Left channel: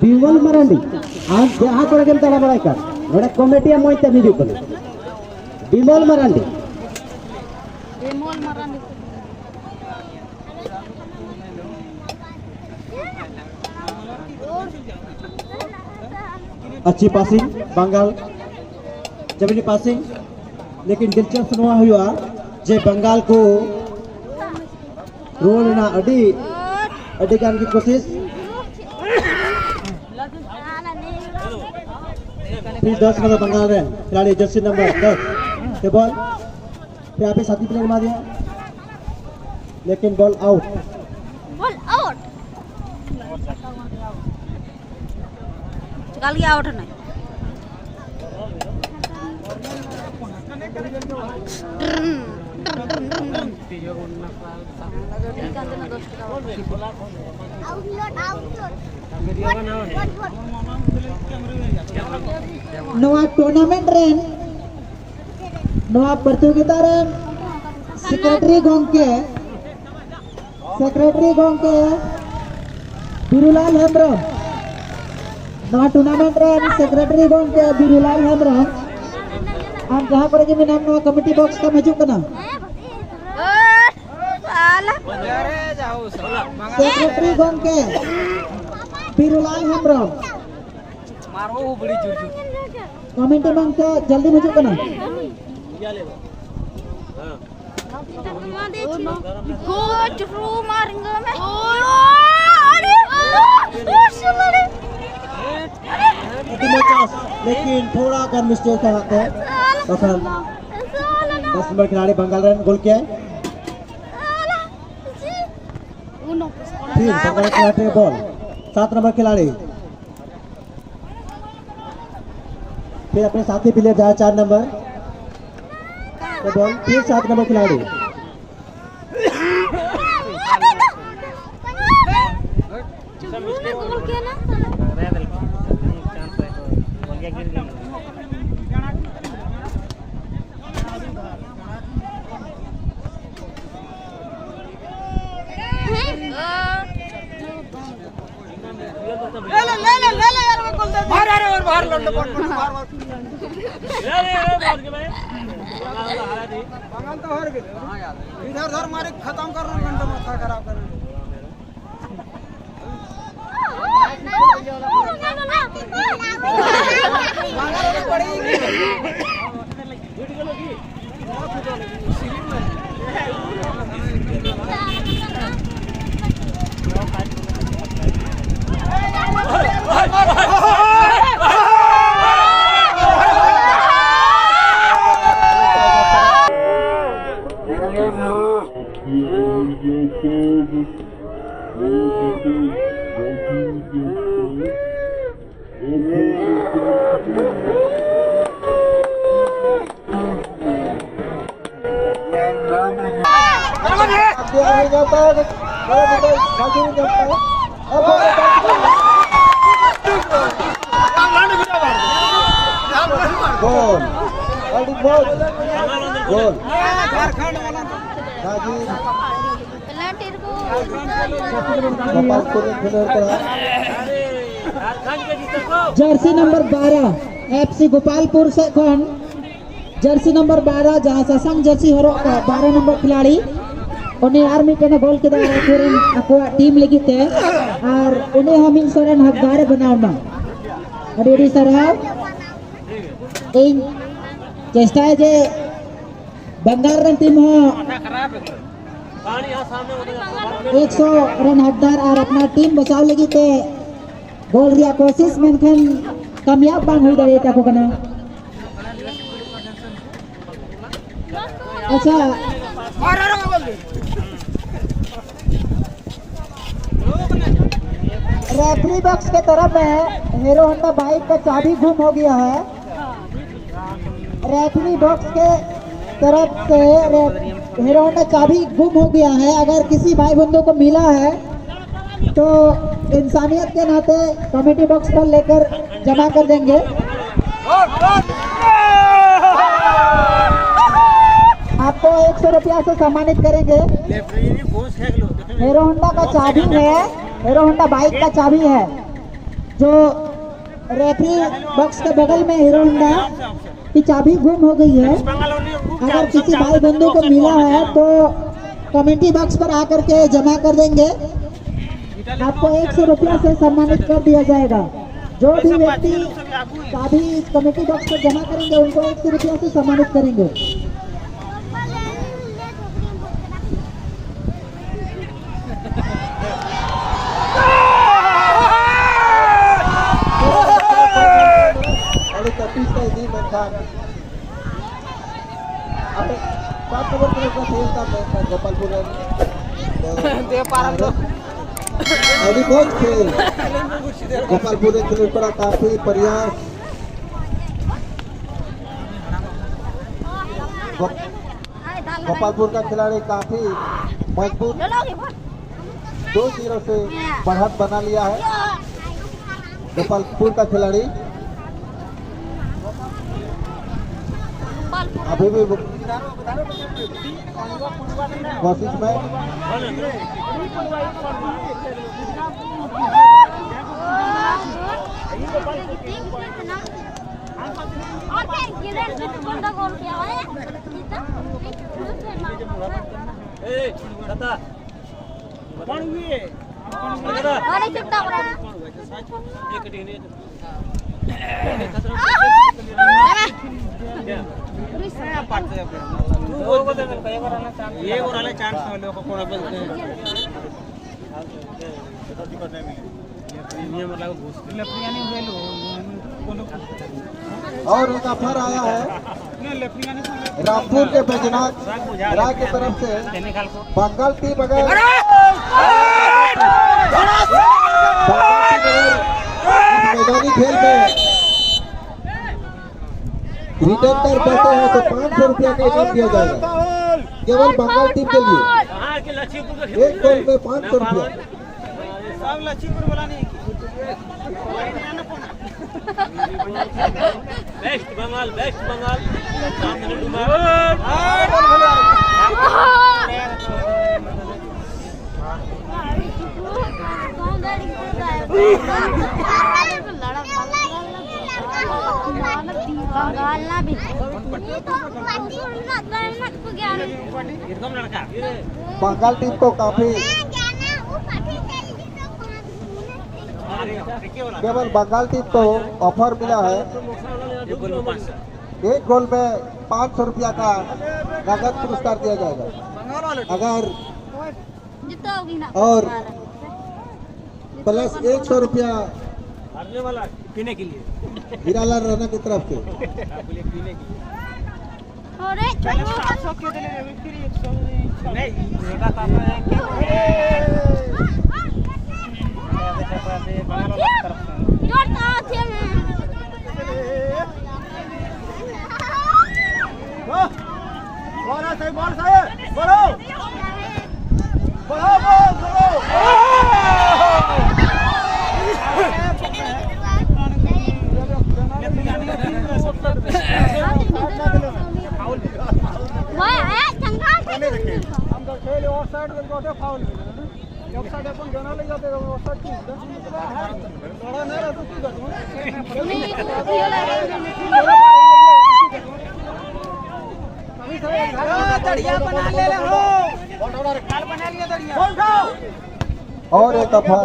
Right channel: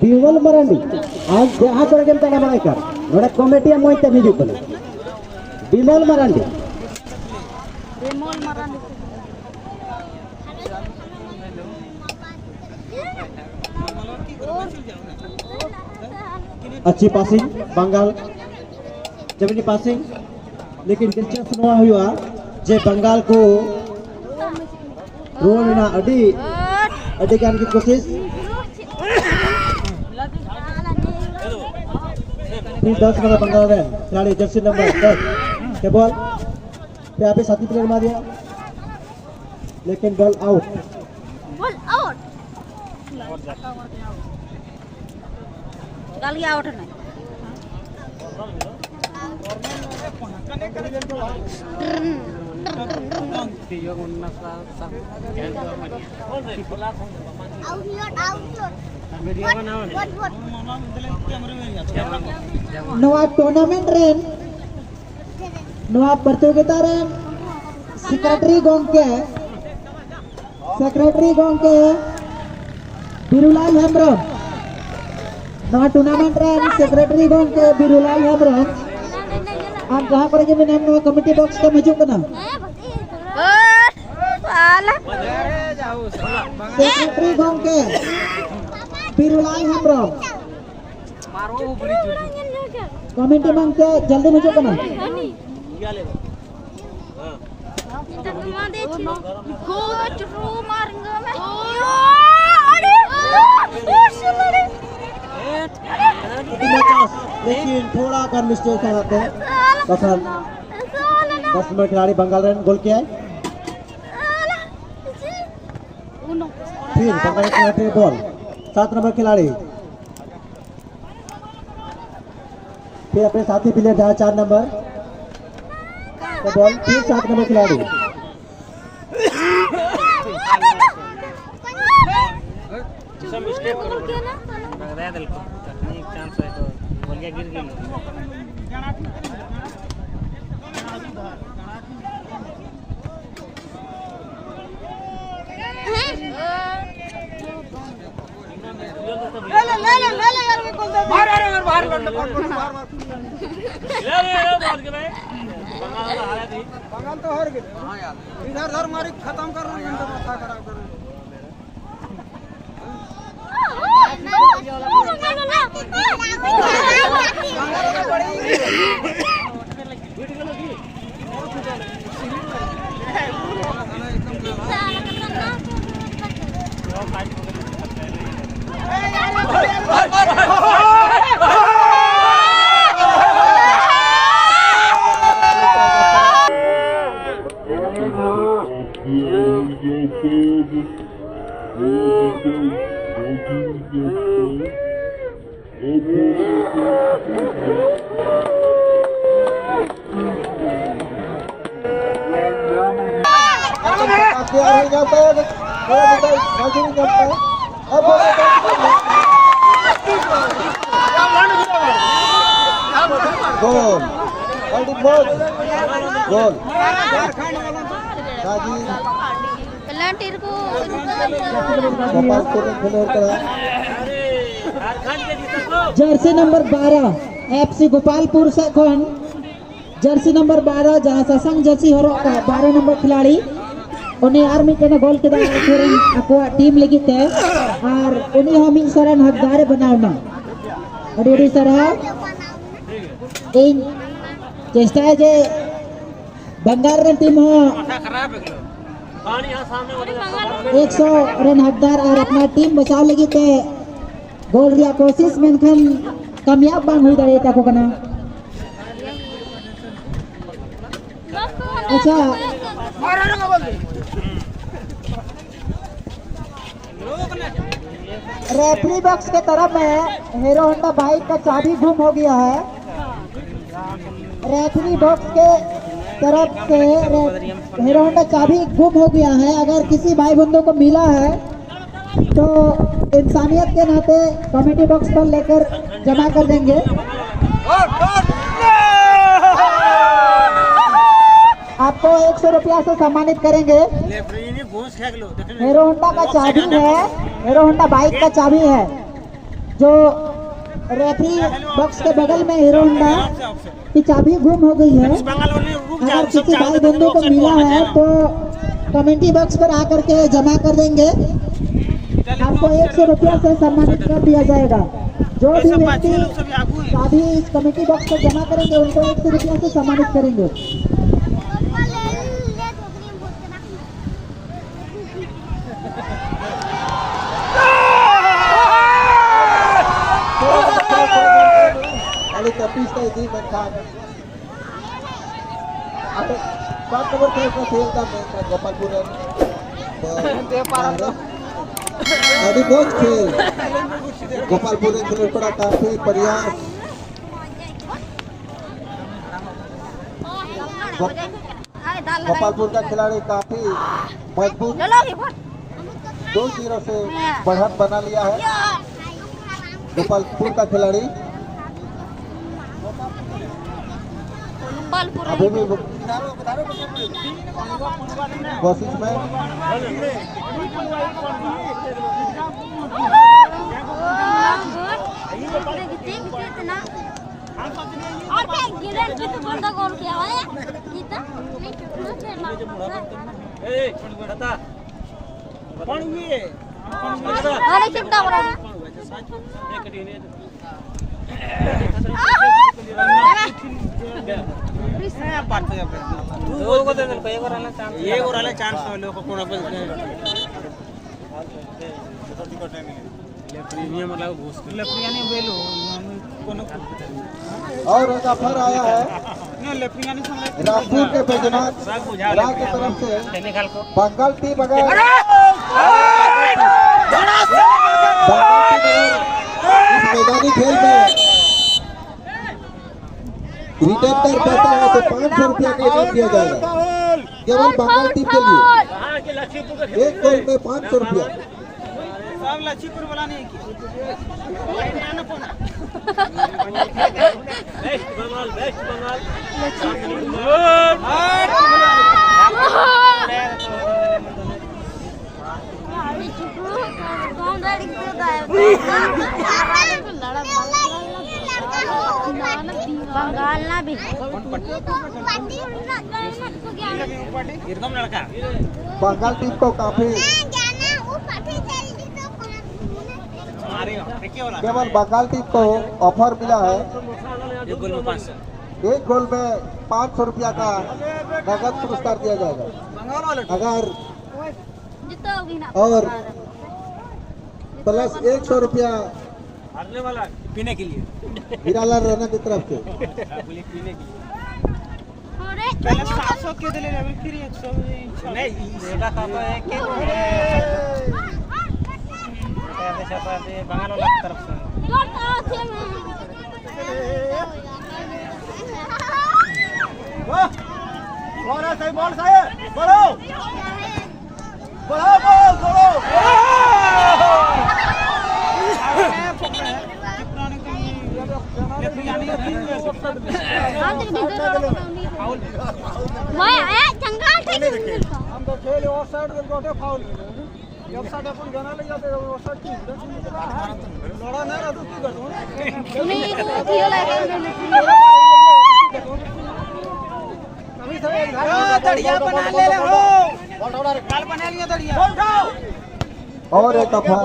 Bimal Marandi, यहाँ पर अगर तला बड़ा कर, बड़ा कमेटी हम वहीं तभी जुकल। Bimal Marandi. Bimal Marandi. अच्छी पासिंग बंगाल जमीनी पासिंग लेकिन दिलचस्प नवा हुआ जे बंगाल को रोल ना अडी करने की कोशिश फिर 10 में बंगाल रहे खिलाड़ी जर्सी नंबर 10 के बॉल पे यहाँ पे साथी प्लेयर मार दिया लेकिन बॉल आउट गाली आउट नहीं नवा टूर्नामेंट रेन नवा प्रतियोगिता रेन सेक्रेटरी गोंके बिरुलाल हेम्ब्रम नवा टूर्नामेंट रेन सेक्रेटरी गोंके बिरुलाल हेम्ब्रम आम जहां पर के नाम नवा कमिटी बॉक्स का मजू करना सेक्रेटरी गोंके बिरुलाल हेम्ब्रम कमेटी मांग के जल्दी मुझे करना लेकिन थोड़ा कर मिस्टेक आते हैं बस नंबर खिलाड़ी बंगाल रन गोल किया है फिर बंगाल खिलाड़ी बॉल 7 नंबर खिलाड़ी फिर अपने साथी प्लेयर जहाँ 4 नंबर तो बॉल फिर 7 नंबर खिलाड़ी बंगाल तो हार गए इधर मारी खत्म कर रहे हैं तो माथा खराब कर जर्सी नंबर 12 एफसी गोपालपुर से कौन जर्सी नंबर 12 जहाँ ससंग जर्सी हरो का 12 नंबर खिलाड़ी उन्हें आर्मी के गोल के दार फिर आपको टीम लगी थे और उन्हें हम इन सोरेन हकदार बनावना अरे सरहा इन चेष्टा है जे बंगाल रन टीम हो 100 रन हकदार और अपना टीम बचाव लगी थे गोल रिया कोशिश मेनखान कामयाब बांग हुई दाड़े टाको कना अच्छा रेफरी बॉक्स के तरफ में हीरो होंडा बाइक का चाबी गुम हो गया है। रेफरी बॉक्स के तरफ से हीरो होंडा चाबी गुम हो गया है। अगर किसी भाई बंधु को मिला है तो इंसानियत के नाते कमेटी बॉक्स पर लेकर जमा कर देंगे। आपको 100 रुपया से सम्मानित करेंगे। हीरो होंडा का चाबी है, हीरो होंडा बाइक का चाबी है जो रेफरी बॉक्स के बगल में हीरो होंडा की चाबी गुम हो गई है। अगर किसी भाई बंधु को मिला है तो कमेटी बॉक्स पर आकर के जमा कर देंगे। आपको 100 रुपया से सम्मानित कर दिया जाएगा। जो भी व्यक्ति चाबी इस कमेटी बॉक्स पर जमा करेंगे उनको 100 रुपया से सम्मानित करेंगे। गोपालपुर खिलाड़ी पड़ा काफी प्रयास गोपालपुर का खिलाड़ी काफी मजबूत 2-0 से बढ़त बना लिया है। गोपालपुर का खिलाड़ी अभी भी कोशिश में और एक ऑफर आया है रामपुर के बैजनाथ राज की तरफ से बंगाल टीम अगर इस मैदानी खेल में रिटर्न कर पाते हैं तो 500 रुपया का इनाम दिया जाएगा केवल बंगाल टीम के लिए। एक गोल में 500 रुपया। लक्ष्मीपुर वाला नहीं बेस्ट बंगाल बंगाल ना भी बंगाल टीम को काफी केवल बंगाल टीम को ऑफर मिला है। एक गोल में 500 रुपया का नगद पुरस्कार दिया जाएगा अगर और प्लस 100 रुपया हारने वाला पीने के लिए हीरालाल राणा की तरफ से। पहले 700 के दिले अभी फिर 100 नहीं बेटा कापा है के बॉल सही बोलो खेल और साइड में गोटे फाउल एक साइड अपन गाना ले जाते और साइड की बड़ा नहीं रहता तू नहीं दड़िया बना ले हो काल बना लिया दड़िया और एक ऑफर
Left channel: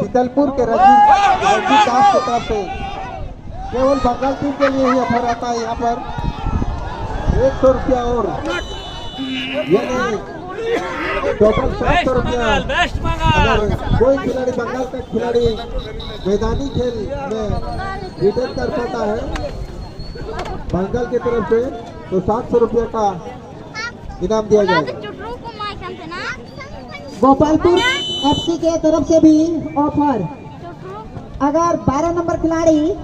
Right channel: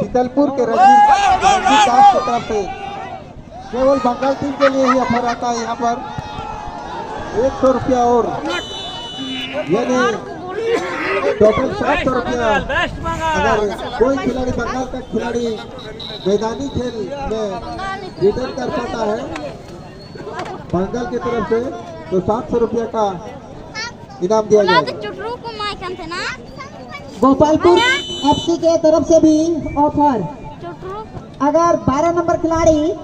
शीतलपुर के रंजीत दास की तरफ से केवल बंगाल टीम के लिए ही ऑफर आता है। यहाँ पर 100 रुपया और यानी टोटल 700 रुपया अगर कोई खिलाड़ी बंगाल का खिलाड़ी मैदानी खेल में रिटर्न कर पाता है बंगाल की तरफ से तो 500 रुपये का इनाम दिया जाएगा। गोपालपुर एफसी के तरफ से भी ऑफर, अगर 12 नंबर खिलाड़ी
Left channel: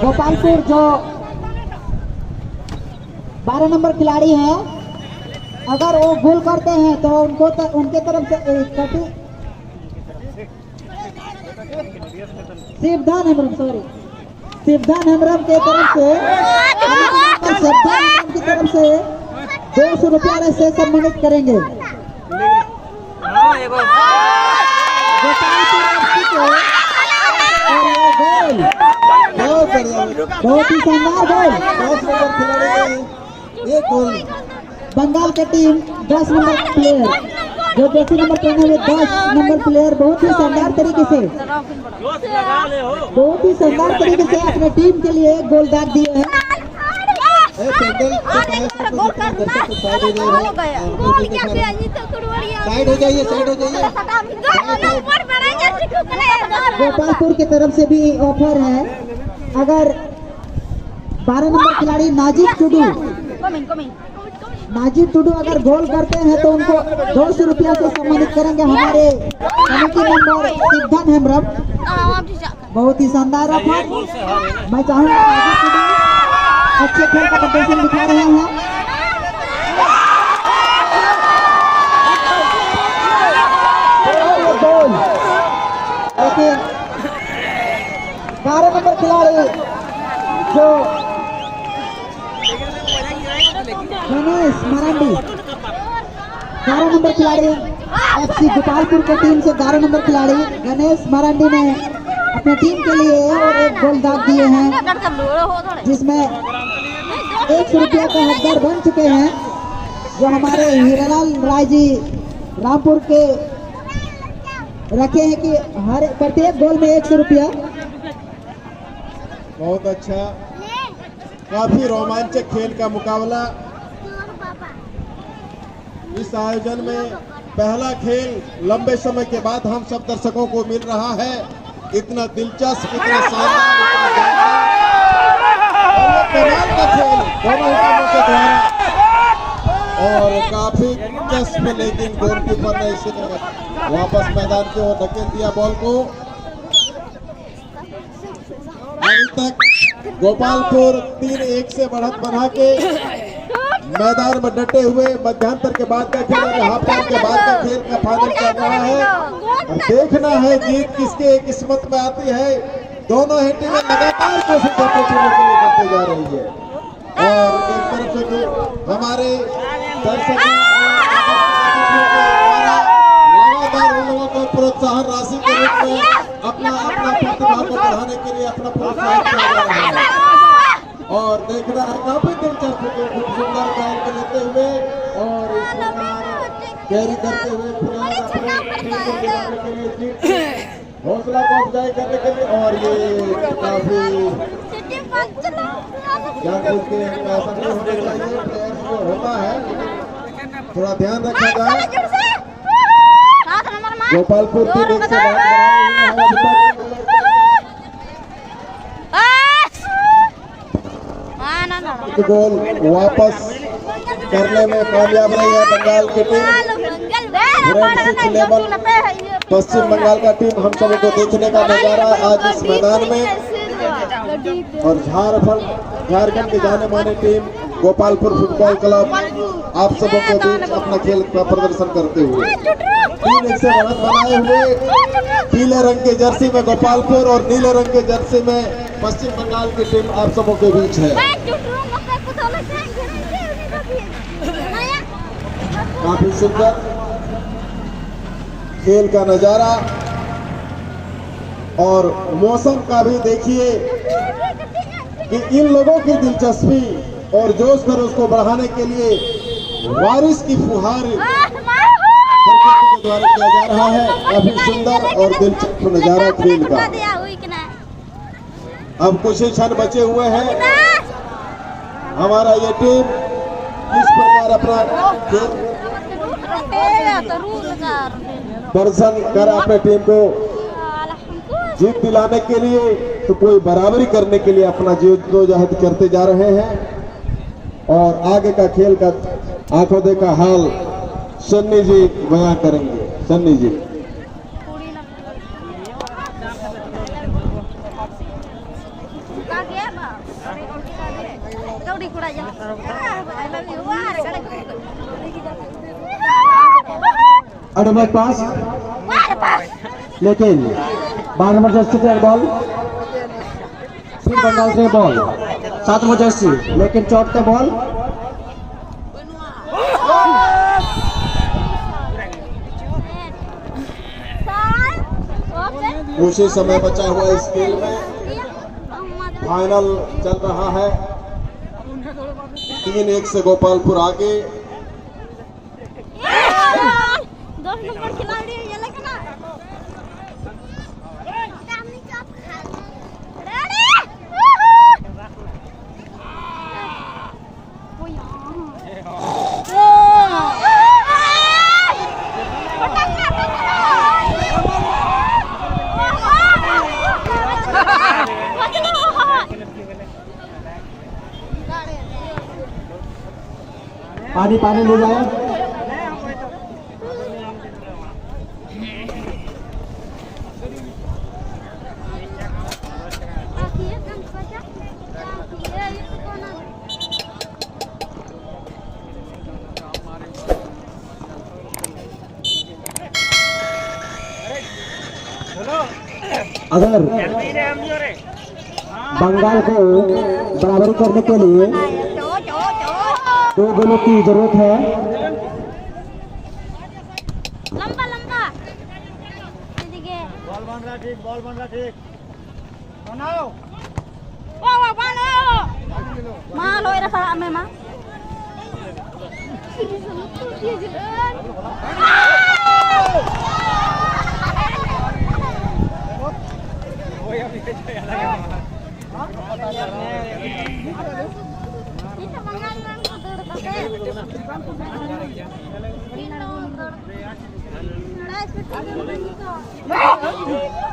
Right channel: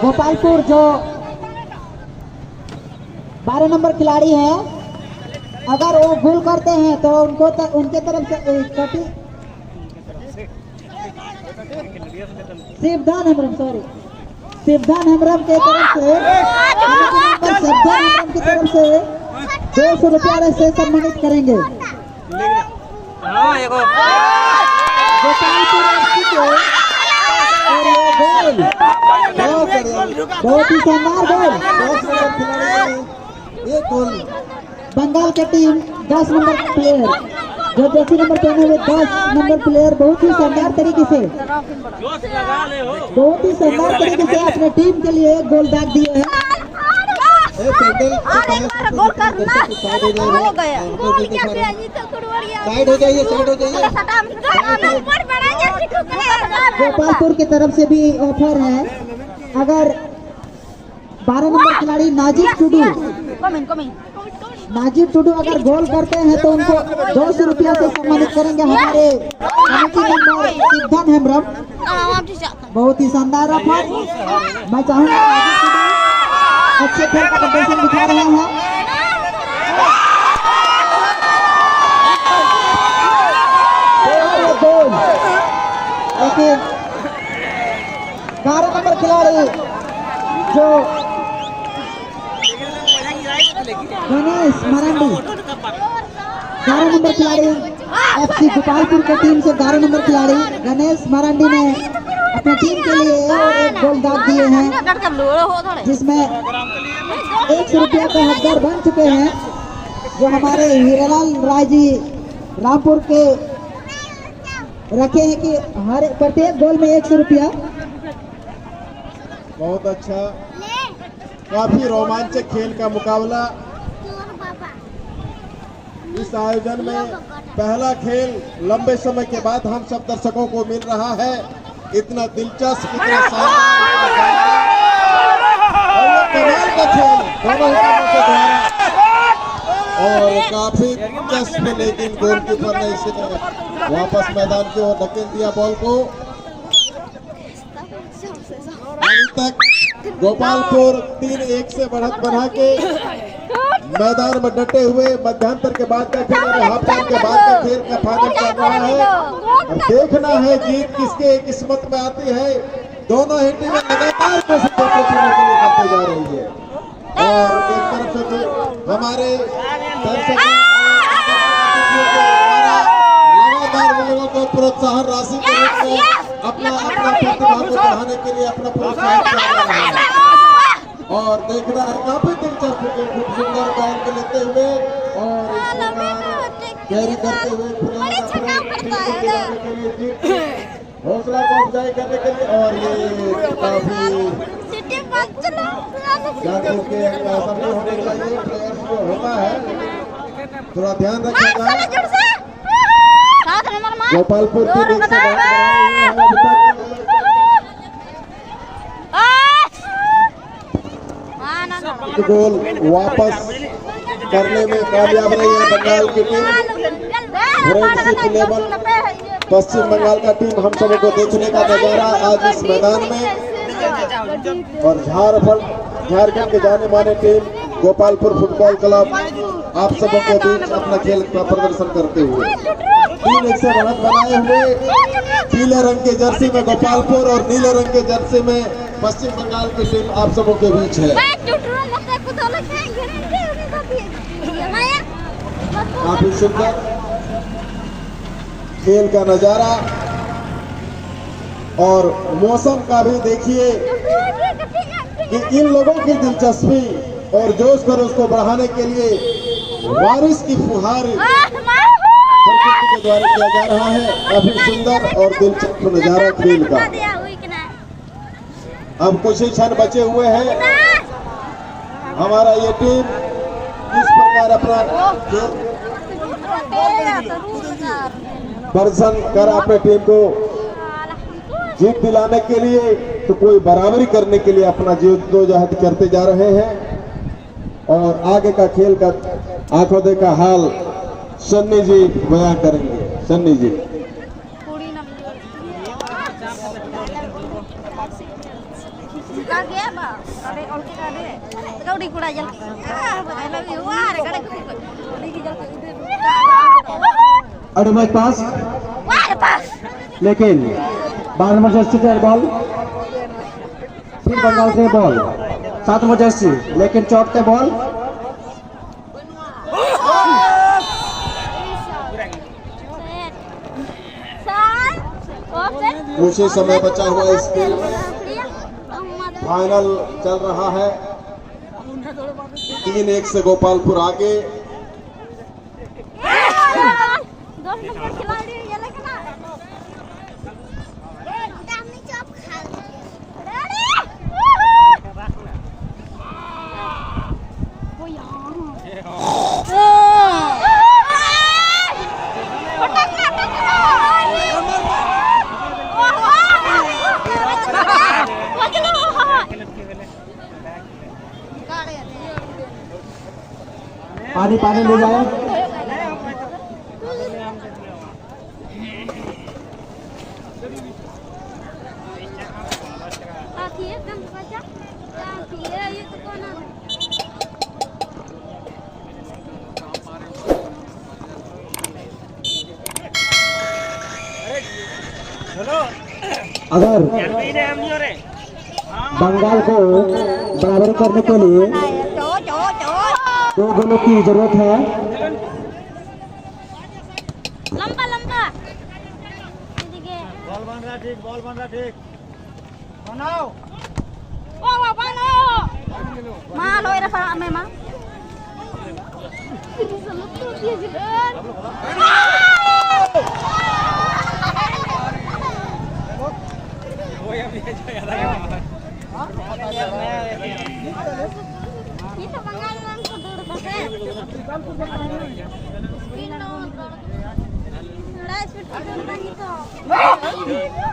गोपालपुर जो 12 नंबर खिलाड़ी है अगर वो गोल करते हैं तो उनको उनके तरफ से कटी शिवधान हेम्ब्रम शिवधान हेम्ब्रम के तरफ से शिवधान हेम्ब्रम की तरफ से 200 रुपया से सम्मानित करेंगे। गोपालपुर एफसी को और ये गोल बहुत बढ़िया, बहुत ही शानदार गोल। 10 नंबर खिलाड़ी ने एक गोल। बंगाल की टीम 10 नंबर प्लेयर जो जर्सी नंबर पहने हुए 10 नंबर प्लेयर बहुत ही शानदार तरीके से जोश लगा ले हो। बहुत ही शानदार तरीके से अपने टीम के लिए एक गोल दाग दिए हैं। पेंडल के पास जितने दर्शक साइड हो जाइए, साइड हो जाइए, साइड हो जाइए। गोपालपुर की तरफ से भी ऑफर है, अगर 12 नंबर खिलाड़ी नाजिब टुडू अगर गोल करते हैं तो उनको 200 रुपया से सम्मानित करेंगे हमारे कमेटी मेंबर शिवधान हेम्ब्रम। बहुत ही शानदार ऑफर। मैं चाहूंगा नाजिब टुडू अच्छे खेल का प्रदर्शन दिखा रहे हैं। गोल, लेकिन 12 नंबर खिलाड़ी जो गणेश मरांडी 11 नंबर खिलाड़ी एफसी गोपालपुर की टीम से 11 नंबर खिलाड़ी गणेश मरांडी ने अपने टीम के लिए और एक गोल दाग दिए हैं जिसमें 100 रुपया का हकदार बन चुके हैं जो हमारे हीरालाल राय जी रामपुर के रखे हैं कि हर प्रत्येक गोल में 100 रुपया। बहुत अच्छा, काफी रोमांचक खेल का मुकाबला। इस आयोजन में पहला खेल लंबे समय के बाद हम सब दर्शकों को मिल रहा है। इतना दिलचस्प, इतना शानदार, इतना शानदार और ये कमाल का खेल दोनों ही टीमों के द्वारा और काफी दिलचस्प, लेकिन गोलकीपर ने इसे वापस मैदान की ओर धकेल दिया बॉल को। अभी तक गोपालपुर 3-1 से बढ़त बना के मैदान में डटे हुए मध्यांतर के बाद का खेल और हाफ टाइम के बाद का खेल का फाइनल चल रहा है। अब देखना है जीत किसके किस्मत में आती है। दोनों ही टीमें लगातार कोशिश अपने टीमों के लिए करते जा रही है और एक तरफ से हमारे दर्शकों लगातार उन लोगों को प्रोत्साहन राशि के रूप में अपना प्रतिभा को बढ़ाने के लिए अपना प्रोत्साहन किया जा रहा है और देखना है काफी दिलचस्प, खूब सुंदर बॉल को लेते हुए और इस प्रकार कैरी करते हुए खिलाड़ी अपने टीम को गिराने के लिए, जीत हौसला को अफजाई करने के लिए और ये काफी जानबूझ के ऐसा नहीं होना चाहिए। प्लेयर्स को होता है लेकिन थोड़ा ध्यान रखा जाए। गोपालपुर की देख से गोल वापस करने में कामयाब रही है बंगाल की टीम। फ्रेंडशिप लेवल पश्चिम बंगाल का टीम हम सबों को देखने का नजारा आज इस मैदान में और झारखंड की जाने मानी टीम गोपालपुर फुटबॉल क्लब आप सबों को बीच अपना खेल का प्रदर्शन करते हुए 3-1 से बढ़त बनाए हुए पीले रंग के जर्सी में गोपालपुर और नीले रंग के जर्सी में पश्चिम बंगाल की टीम आप सबों के बीच है। काफी सुंदर खेल का नजारा और मौसम का भी देखिए कि इन लोगों की दिलचस्पी और जोश खरोश को बढ़ाने के लिए बारिश की फुहार प्रकृति के द्वारा किया जा रहा है। काफी सुंदर और दिलचस्प नजारा खेल का। अब कुछ ही क्षण बचे हुए हैं। हमारा ये टीम किस प्रकार अपना खेल दर्शन कर अपने टीम को जीत दिलाने के लिए तो कोई बराबरी करने के लिए अपना जद्दोजहद करते जा रहे हैं और आगे का खेल का आंखों देखा हाल सन्नी जी बयां करेंगे। सन्नी जी। एडवांस पास लेकिन 12 नंबर जर्सी से बॉल फिर बंगाल से बॉल 7 नंबर जर्सी लेकिन चौथे बॉल कुछ ही समय बचा हुआ इस खेल में फाइनल चल रहा है 3-1 से गोपालपुर आगे। 10 नंबर खिलाड़ी ये लेके ना पानी पानी ले जाए। अगर बंगाल को बराबर करने के लिए 2 गोलों की जरूरत है। लंबा लंबा बॉल बन रहा ठीक बनाओ वाह वाह मां लोई रहा मैं मां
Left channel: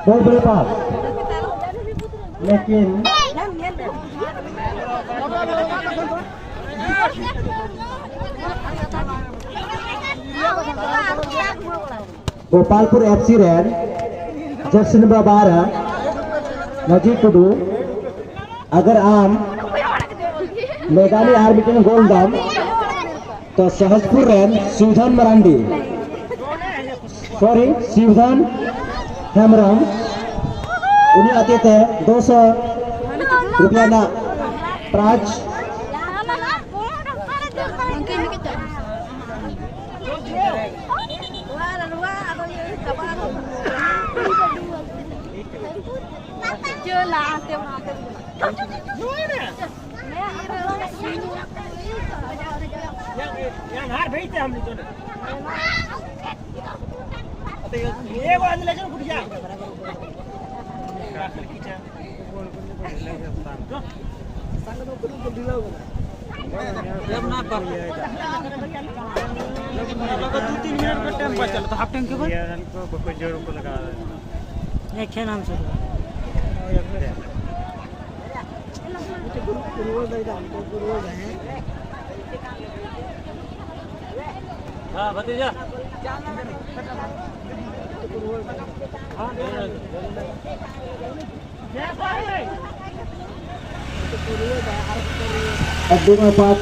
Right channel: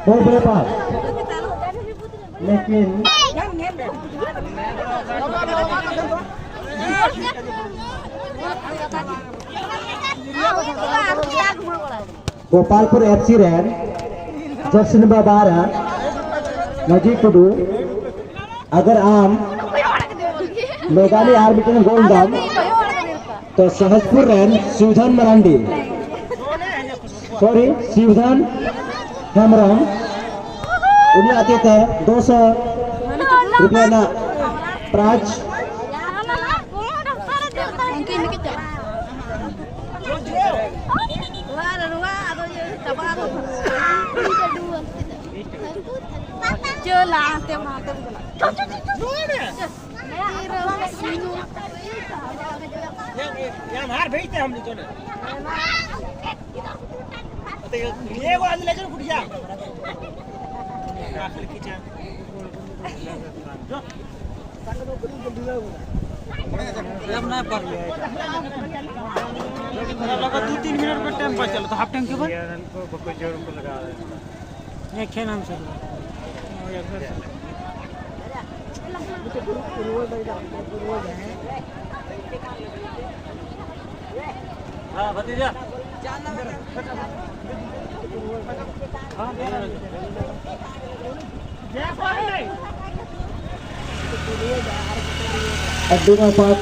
बॉल बड़े पास लेकिन गोपालपुर एफसी रैन जर्सी नंबर 12 नजीब टुडू अगर आम मेघालय आर्बिटन गोलदाम तो सहजपुर रैन शिवधन मरांडी सॉरी शिवधन हेमरम उन्हें आते थे 200 रुपया ना प्राज हार भेजते हम लोग ये वो अंदर लेकर उठ जा जब ना कर 2-3 मिनट का टाइम बचा तो हाफ टाइम के बाद कोई जोर को लगा है खेल नाम से हां भतीजा अड्डू में पास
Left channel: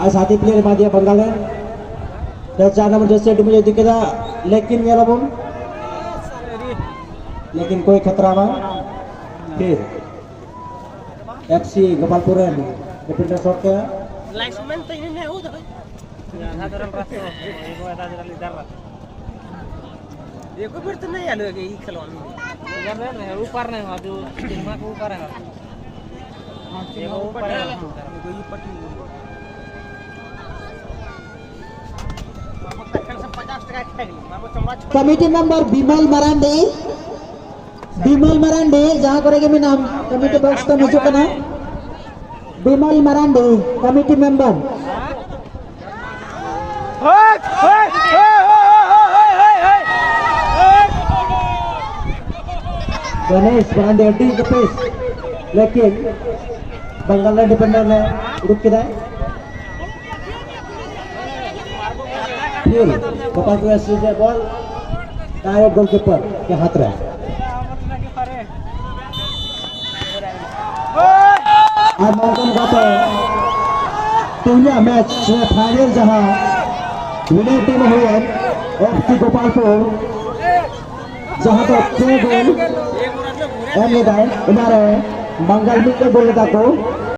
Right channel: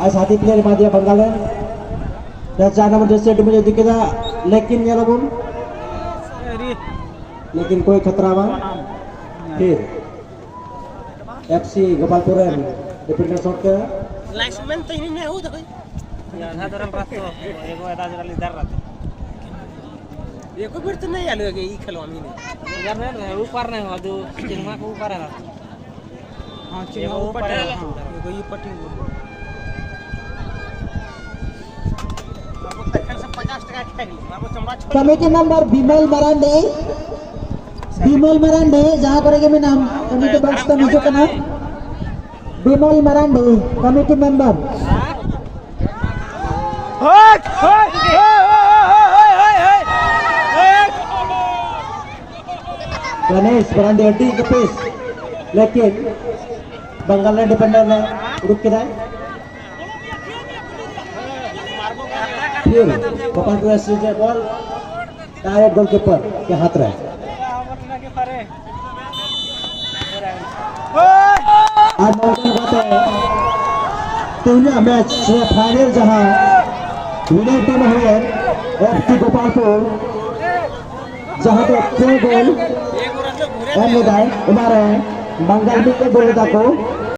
आज हाथी प्लेयर मार दिया बंगाल है 4 नंबर जैसे अड्डू मुझे दिखेगा लेकिन ये लोगों लेकिन कोई खतरा हुआ फिर एफसी गोपालपुर रिपीट शॉट का लाइसमेंट तो नहीं हो भाई साधारण रास्ता एगो आधा जल्दी डर रहा एको फिर तो नहीं आलो ये खेलो हम यार नहीं ऊपर नहीं आदू चिन्ह के ऊपर है हां चिन्ह ऊपर है एगो ये पट्टी तखन से 50 टका खाई अब चमड़ा कमेटी नंबर बिमल मरांडे जहाँ करेंगे मैं नाम कमेटी बॉक्स का नीचे का नाम बिमल मरांडे कमेटी मेंबर गणेश बरांडे अड्डी कपेश लेकिन बंगाल ने डिफेंडर ने रुक के दाए फिर गोपालपुर एससी के बॉल डायरेक्ट गोलकीपर के हाथ रहा आज मौका गाता तीनों मैच फाइनल जहां विनर टीम हुई है एफसी गोपालपुर जहां तो 6 गोल एम लेदाय हमारे बंगाल में 1 गोल लेता को